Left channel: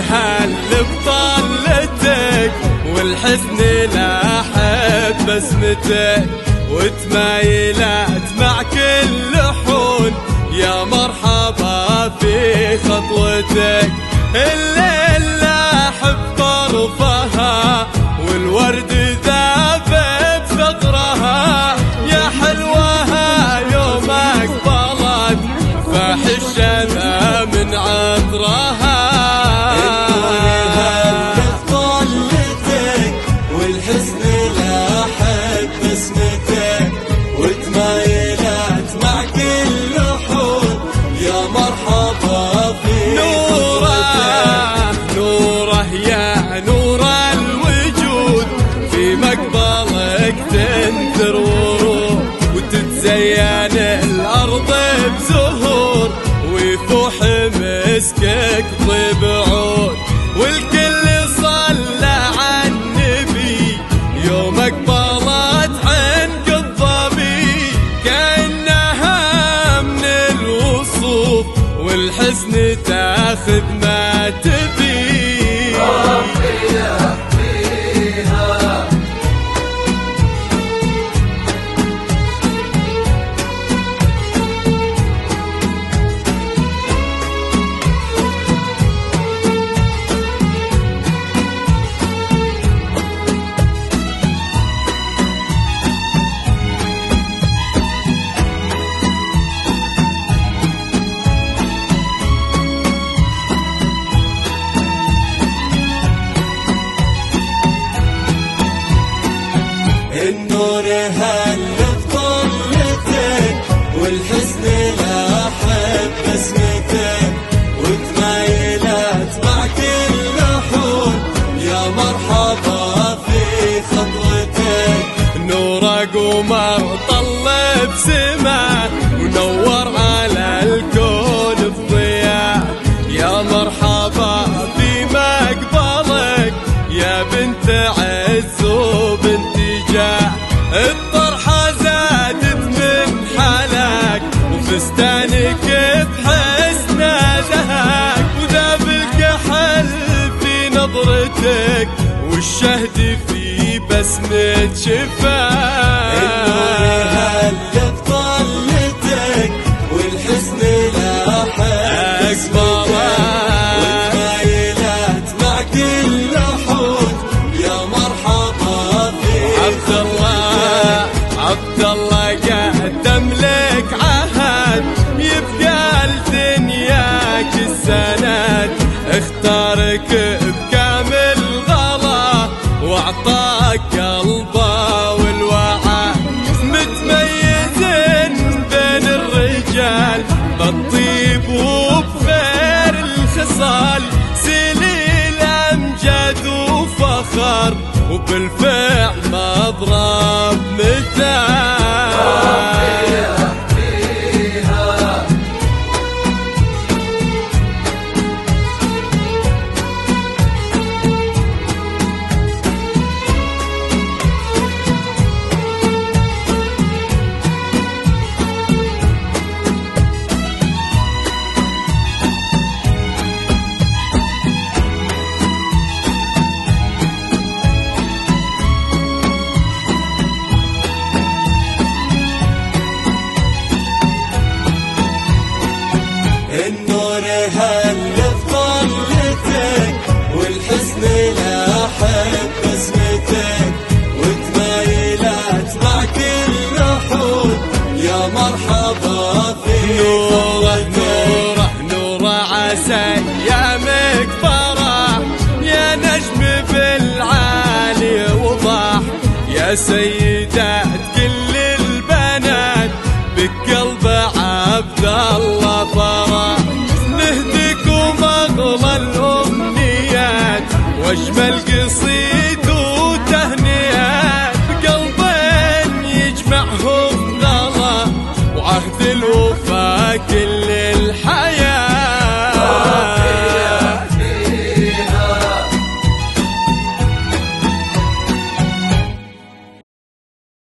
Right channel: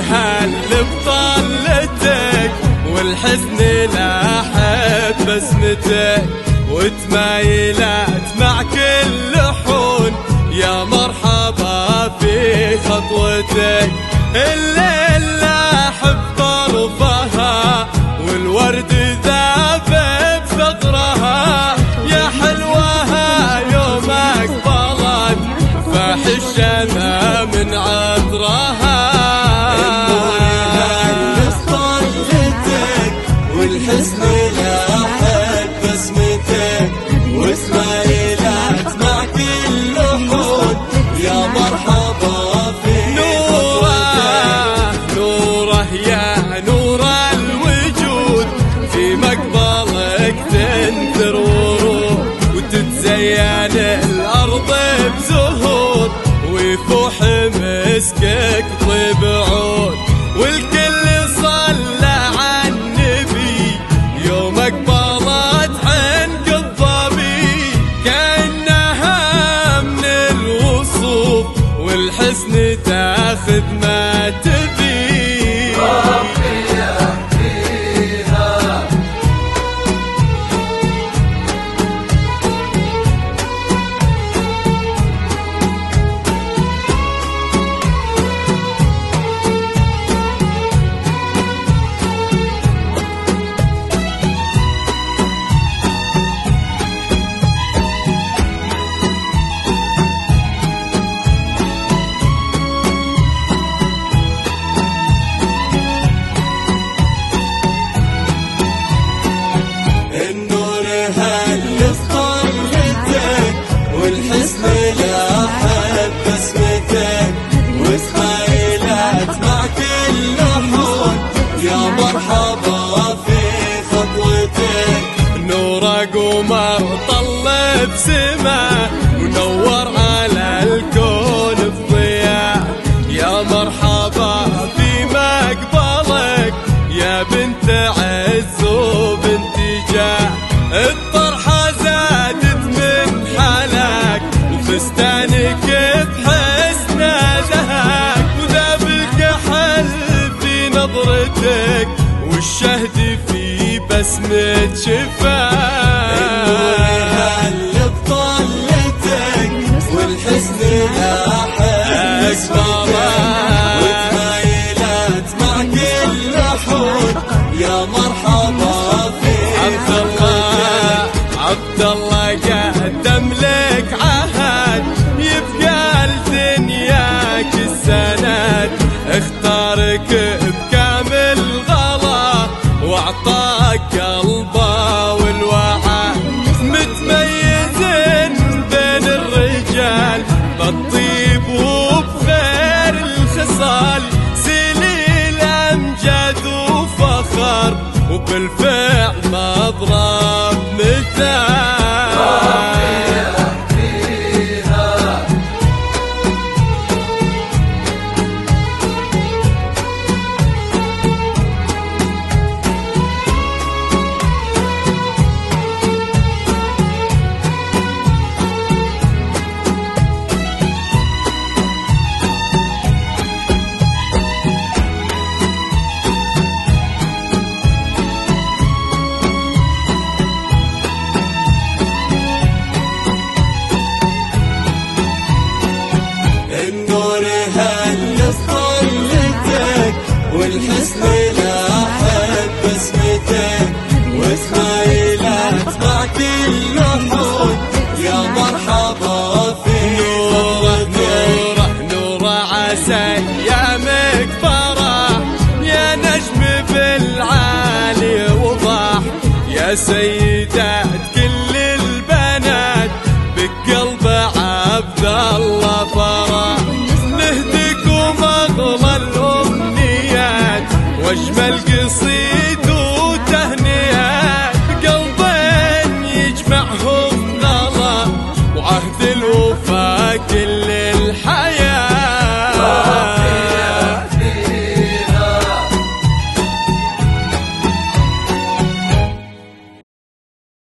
هل بطلتك والحزن لاحب بسمتك، وتمايلات مع كل حون يا مرحبا في خطوتك. الليل لاحب طرفها والورد ذاب بثغرها، يا حلوها يوم اقبلت فاح الشمع من عطرها. والحزن لاحب بسمتك، وتمايلات مع كل حون يا مرحبا في نوره يا نور الوجود، في مقبلك تنثر ورود، وتتزين الأرض بزهور، ويفوح مسكك طيب عود. والكل صلى على النبي يوم اقبلت عنق الظبي، كأنها من الوصوف والحسن تاخذ ما تبي. والحزن لاحب بسمتك، وتمايلات مع كل حون يا مرحبا في خطوتك. نور قمر طل بسما ونور على الكون بضياء، يا مرحبا في مقبلك يا بنت عز وبنت جاه. الطرحة زادت من حلاك وفستانك بحسن دهاك، وذاب الكحل في نظرتك والشهد في بسمة شفاك. بطلتك والحزن لاحب وتمايلات مع كل حون يا مرحبا في عبد الله قدم لك عهد، يبقى لدنياك السند، اختارك بكامل غلا واعطاك قلبه والوعى. متميزين بين الرجال بالطيب وبخير الخصال، سليل امجاد وفخر وبالفعل مضرب مثال. النور هل بطلتك والحزن لاحب بسمتك، وتمايلات مع كل حون يا مرحبا في نوره عسى ايامك فرح، يا نجم بالعالي وضح، يا سيدات كل البنات بقلب عبد الله فرح. نهديكم اغلى الامنيات واجمل قصيد وتهنئات، بقلبين يجمعهم غلا وعهد الوفا كل الحياة.